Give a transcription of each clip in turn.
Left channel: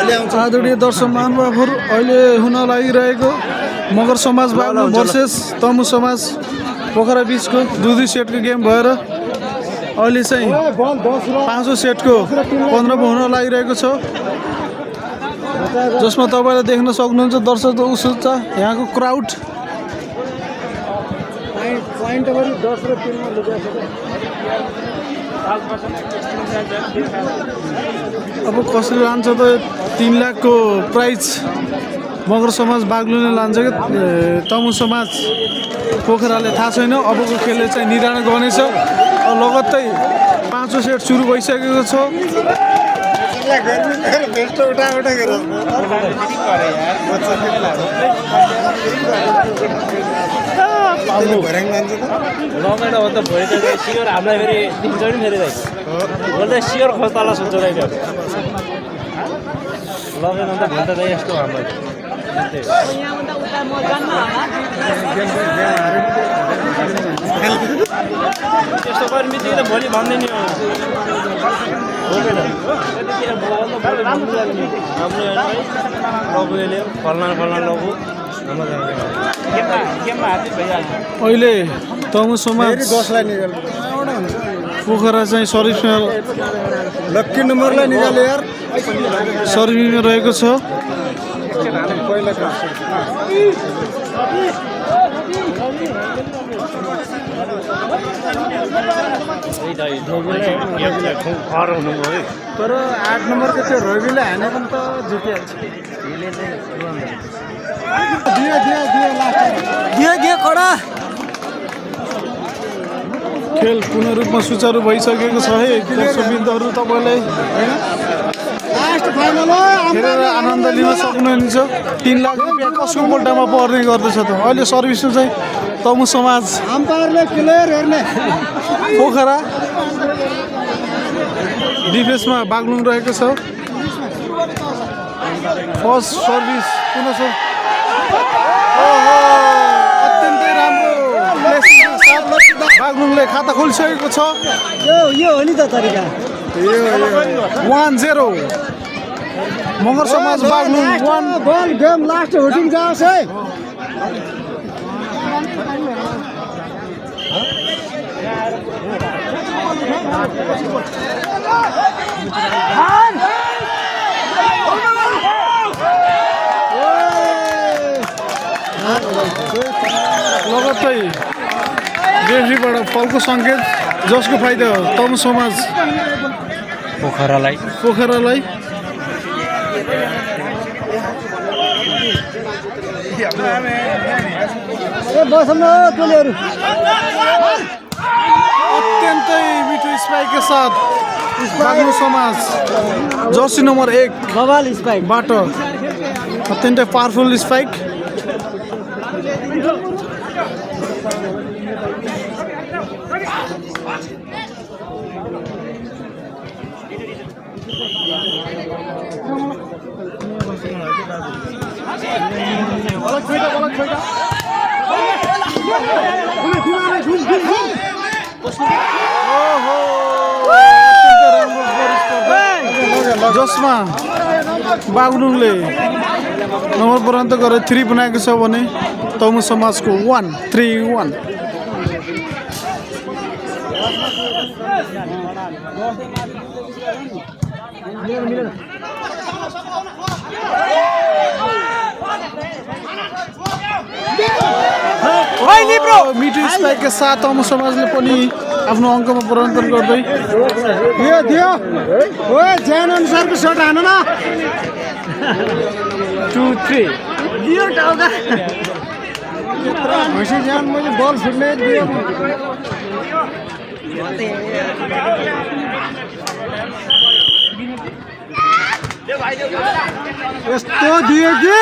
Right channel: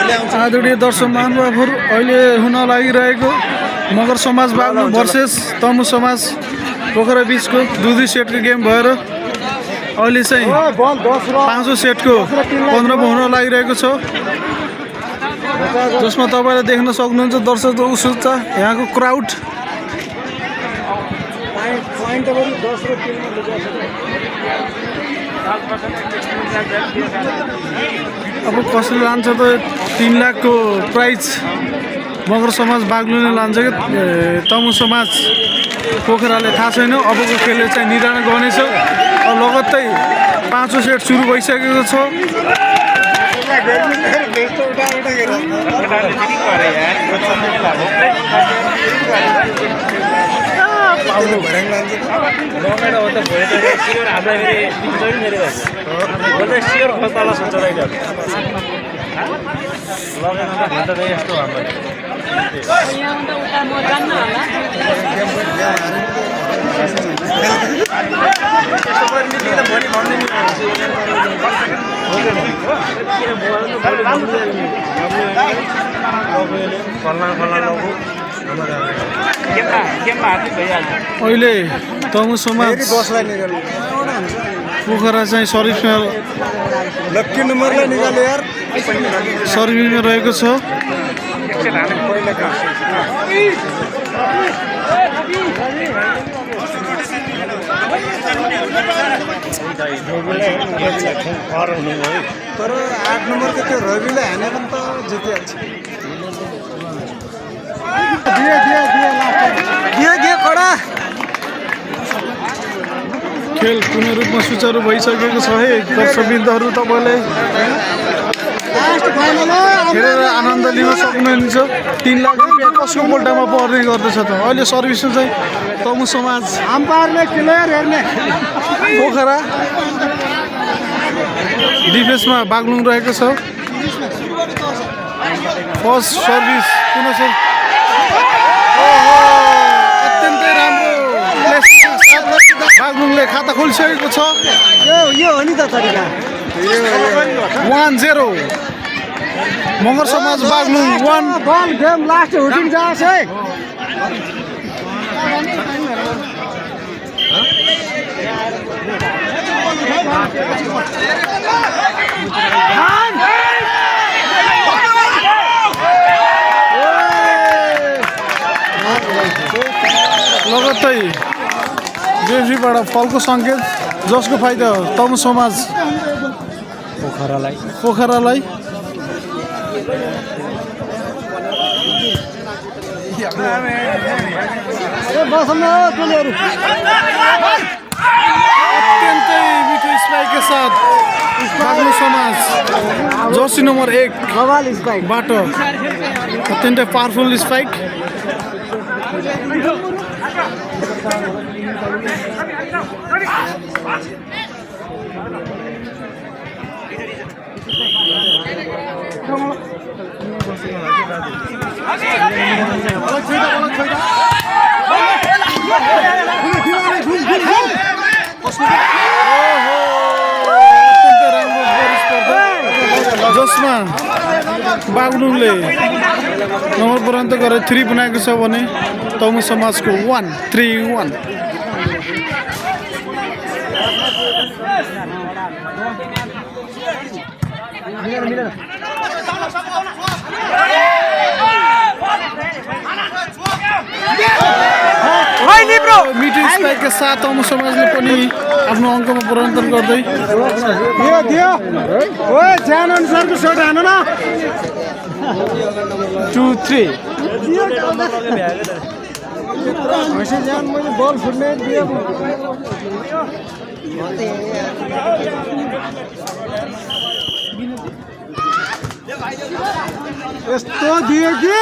आदरणीय दर्शक महानुभावहरू अहिले हुन लागिरहेको मगर समाज बाग्लुङ भर्सेस तमु समाज पोखरा बिचको दुई सेटको गेम भएर अहिले चाहिँ पाँचौं सेटको 15 हुन लागिरहेको छ, जसमा तपाईले देख्न सक्नुहुन्छ दर्शकको उत्सुकता, यहाँको क्राउड। अब कसले लान्छ त 3 लाख को प्राइज मगर समाज बाग्लुङले लान्छ कि तमु समाज पोखराले, थाहा छैन। अबको खेलले चाहिँ निर्धारण गर्नेछ। लगत्तै पाँचौं सेट सुरु भइसकेको छ। अहिले तमु समाज पोखरा चाहिँ सर्भिसमा लक्की नम्बरलाई निकाल्यो यार, सर्भिसमा रहेको छ। तर 8 नम्बरको त्यो रविले हानेको त जितिहाल्छ। खेल पूर्ण रूपमा सुचारू भइसकेको छ है दर्शकवृन्दहरू। तपाईँले हेरेर आनन्द लिन सक्नुहुन्छ। 3 लाख रुपियाँ कसको पोल्टामा पर्ने गर्दछ त। अहिले सर्भिसमा चाहिँ तमु समाज पोखरा, डिफेन्समा बाग्लुङ रहेको छ। फर्स्ट सर्भिस पुनः अत्यन्तै राम्रो प्लेसिङको साथ बाग्लुङले खाता खोलिसकेको छ। यो हो नि त तरिका 1-0 मगर समाज बाग्लुङ 1। बल गेम लास्ट हुटिङ जाओस् है। लगत्तै रेफ्रीबाट फलको सङ्केत, जसको फाइदा हो तमु समाज पोखरालाई। अत्यन्तै मिठो स्पाइकका साथ बाग्लुङ समाज जर्सी नम्बर 1 बाट अत्यन्तै पावरफुल स्पाइक। जसमा बाग्लुङले नम्बर पर्यन्त गरेर 3 बनाएको छ भने तमु समाजको 1-3-1। मिठो स्पाइकका साथ तमु समाजले पनि आफ्नो अङ्कमा परिवर्तन गर्दै 2-3 यस्तो दियो कि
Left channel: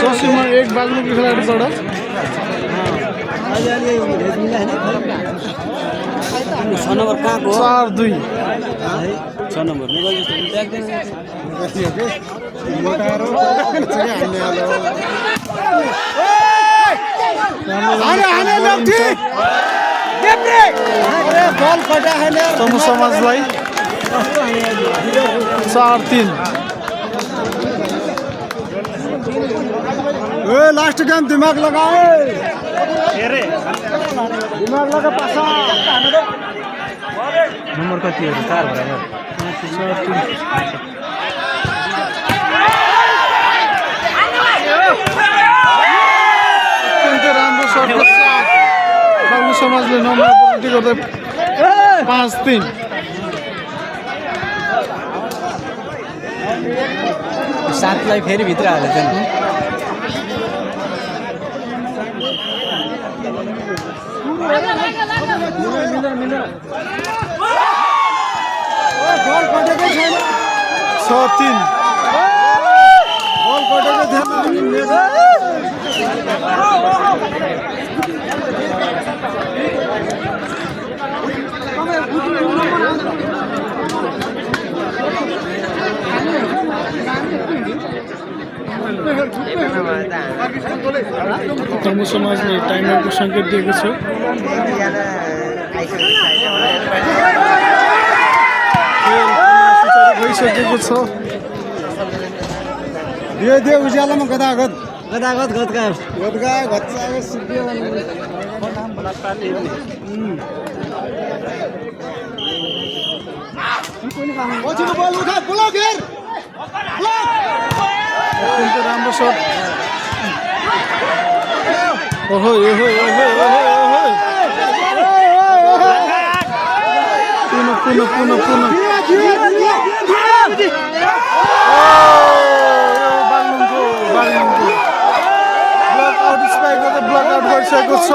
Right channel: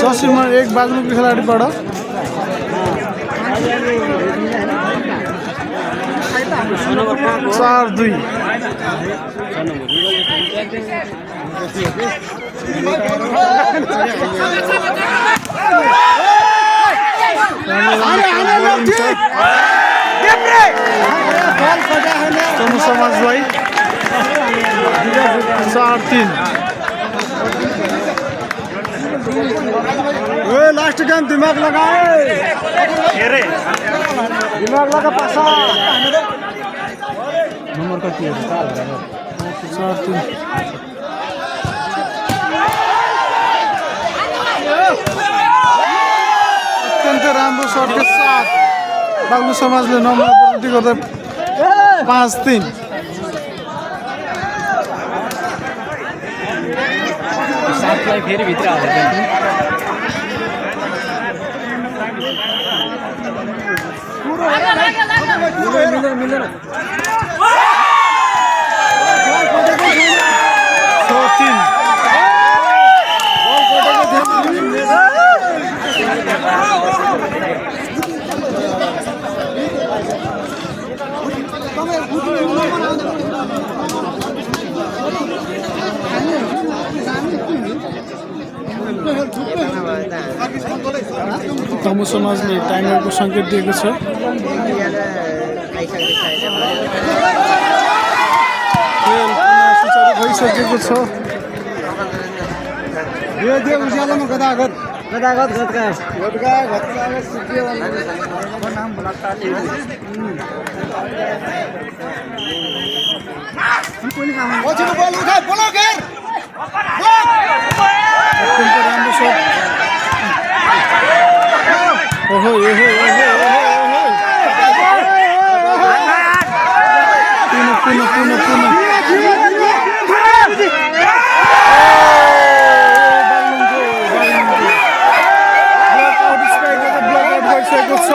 जर्सी नम्बर 1 बाग्लुङको खेलाडीबाट 4-2 राम्रो बोलिङ छ। तमु समाजलाई 4-3 लास्ट गेम दिमाग लगाए दिमाग लगा पासा नम्बर कति हो 4 भनेर 4-3 अत्यन्तै राम्रो सर्टको साथ बाग्लुङ समाजले नम्बर पूर्ति गर्दै 5-3 सातलाई फेरि भित्र हालेछ नि मिलेन 6-3 तमु समाजले टाइमरको सङ्केत दिएको छ खेल पुनः सुचारू भइसकेको छ दे उज्यालोमा गदागद अत्यन्त राम्रो सट ओहो पुनः बाग्लुङको ब्लक आउट स्पाइक गर्दा ब्लक आउट गरिसकेको छ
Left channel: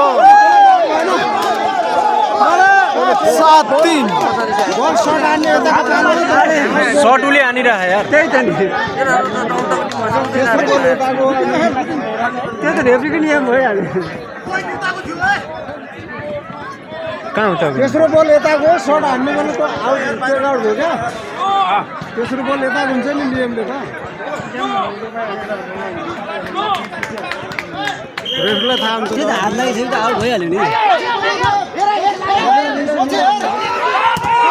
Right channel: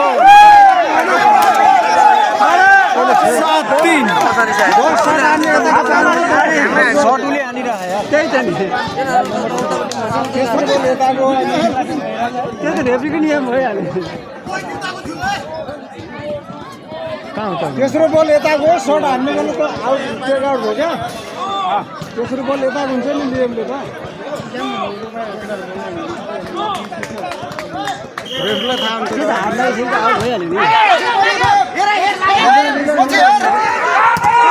7-3 सर्ट उले हानिरह यार त्यही त नि त्यो त रेफ्रीको नियम भइहाल्यो कहाँ हुन्छ तेस्रो बल यता गयो सर्ट हान्नु भने त आउट भयो क्या तेस्रो बल यता हुन्छ नि नियमले त रेफ्रीलाई थाहा हुन्छ त्यो त हातलाई थियो त आउट भइहाल्यो नि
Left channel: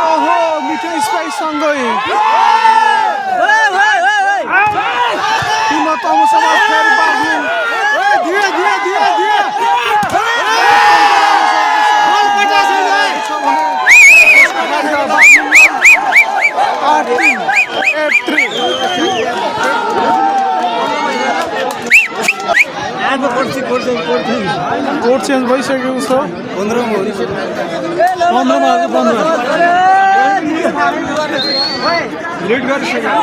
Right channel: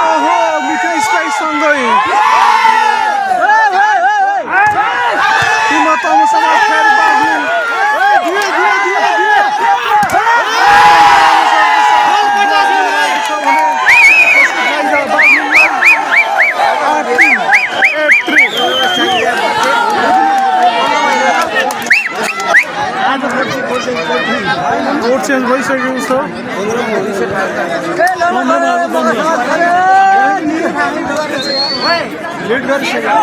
ओहो मिठो स्पाइक सँगै टिममा तमु समाज फेरि बाग्लुङ कोड चेन्ज भइसकेको छ 15 लेट गरिसक्यो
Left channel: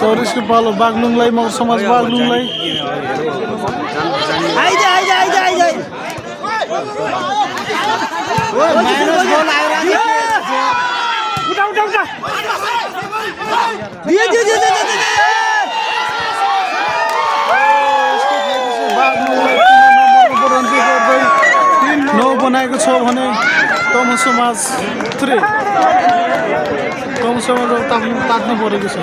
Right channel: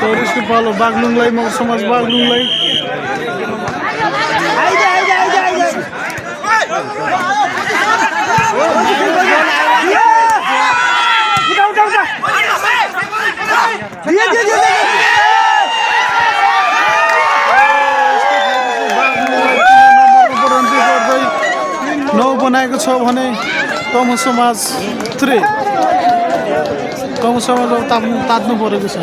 सौरेशको पालो बाग्लुङलाई मगर समाज बाग्लुङलाई बाग्लुङलाई 9 बनाएको छ भने तमु समाज 3 तमु समाज तात्नु परेको छ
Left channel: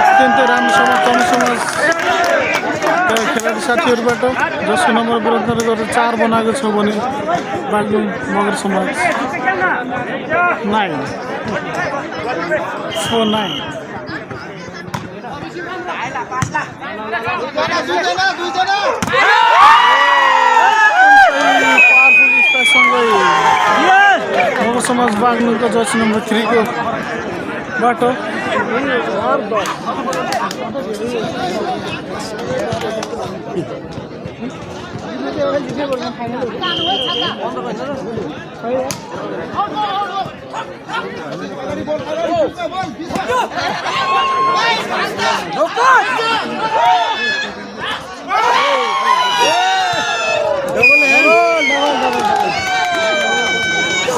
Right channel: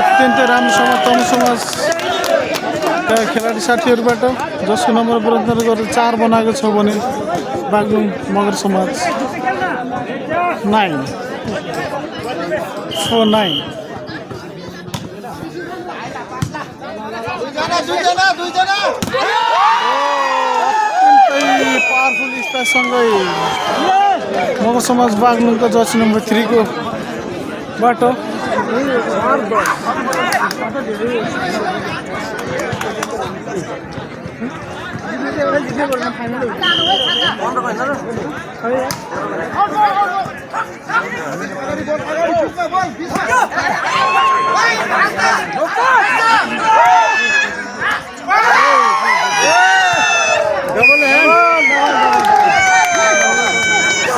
अत्यन्त राम्रोसँग तमु समाज खेलाडी साथीहरूबाट जसको नम्बर बराबर गरेर 4 बनाएको छ भने बाग्लुङ मगर समाज 9 पावरफुल स्पाइकसँगै मगर समाज बाग्लुङको जर्सी नम्बर 3 को बाटो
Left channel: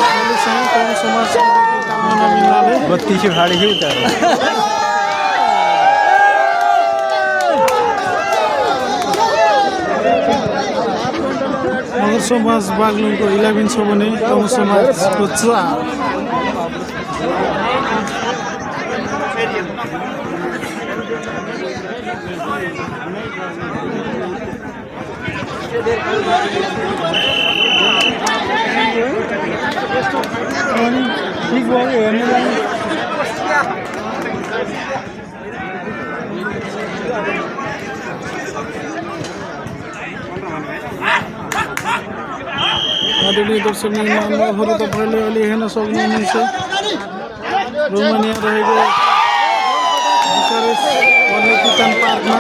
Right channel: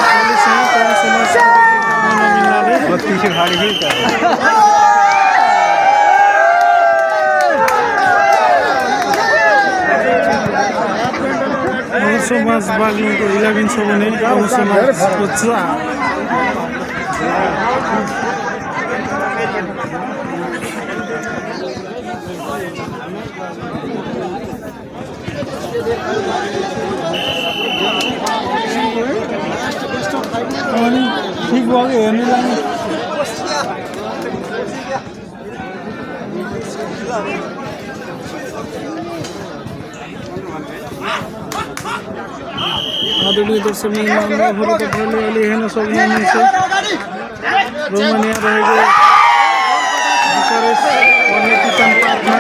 अहिलेसम्म तमु समाजको काममा नमिल्नाले 32 खाडी खेल त मगर समाज बागलुङको 11 छ भने तमु समाजको 4। ठीक भयो हेर्नु जानु आदरणीय दर्शक महानुभावहरू तपाईँले अहिले हेर्न सक्नुहुनेछ रोमानिया रहेको बुकारेस्ट पन्नेतितान पार्कमा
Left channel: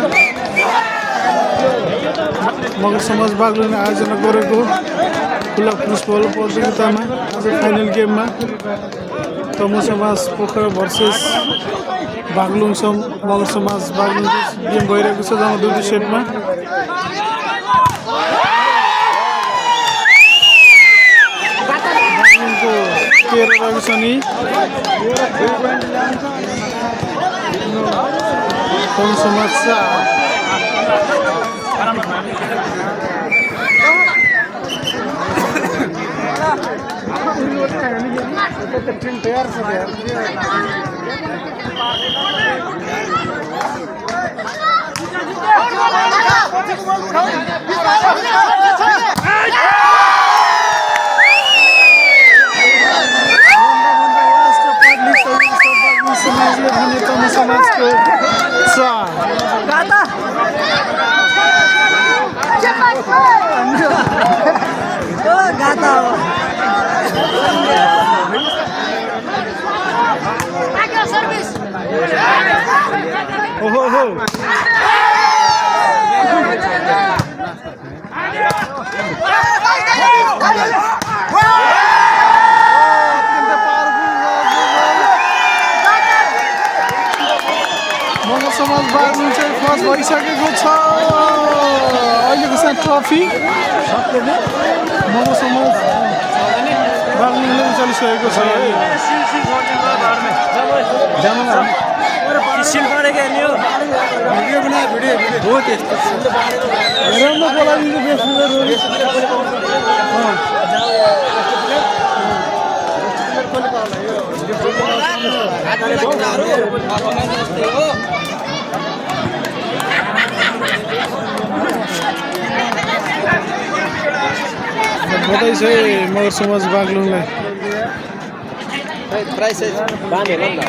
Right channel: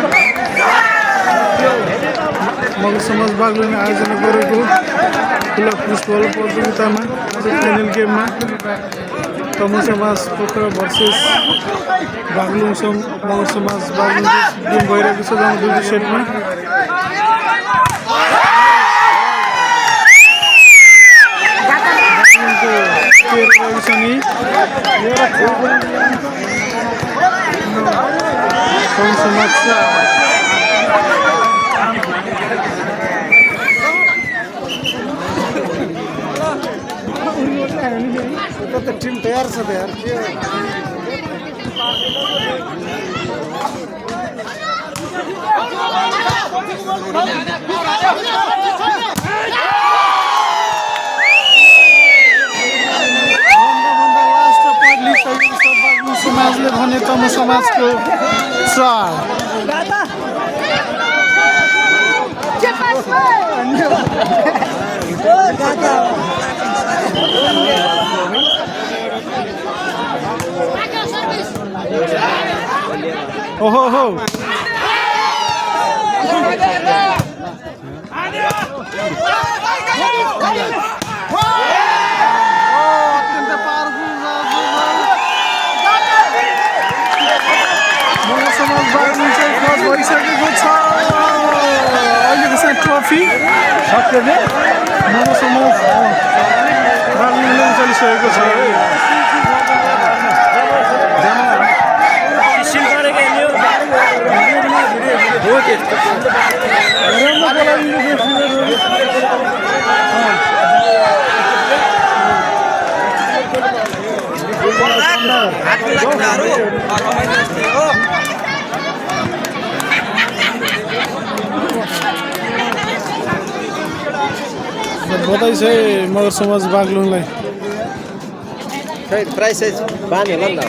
मगर समाज बागलुङले आयोजना गरेको खुला फुटबल प्रतियोगितामा आज फाइनल गेममा तमु समाज पोखरा भर्सेस बागलुङ मगर समाज बागलुङ गेम भइरहेको छ जम्मा 2 सेटमा। बागलुङको 13 रहेको छ नि तमु समाज 4। टीम तयार छ यार समाजले भने तमु समाजको 4। ओहो हो मगर समाज बागलुङ चाहिँ क्रस भइसकेको छ। अहिलेको चाहिँ ट्रफी मगर समाज बागलुङले उचालिसकेको छ है। बधाई छ है मगर समाज बागलुङलाई। प्राइस बाँध्यो होला नि त।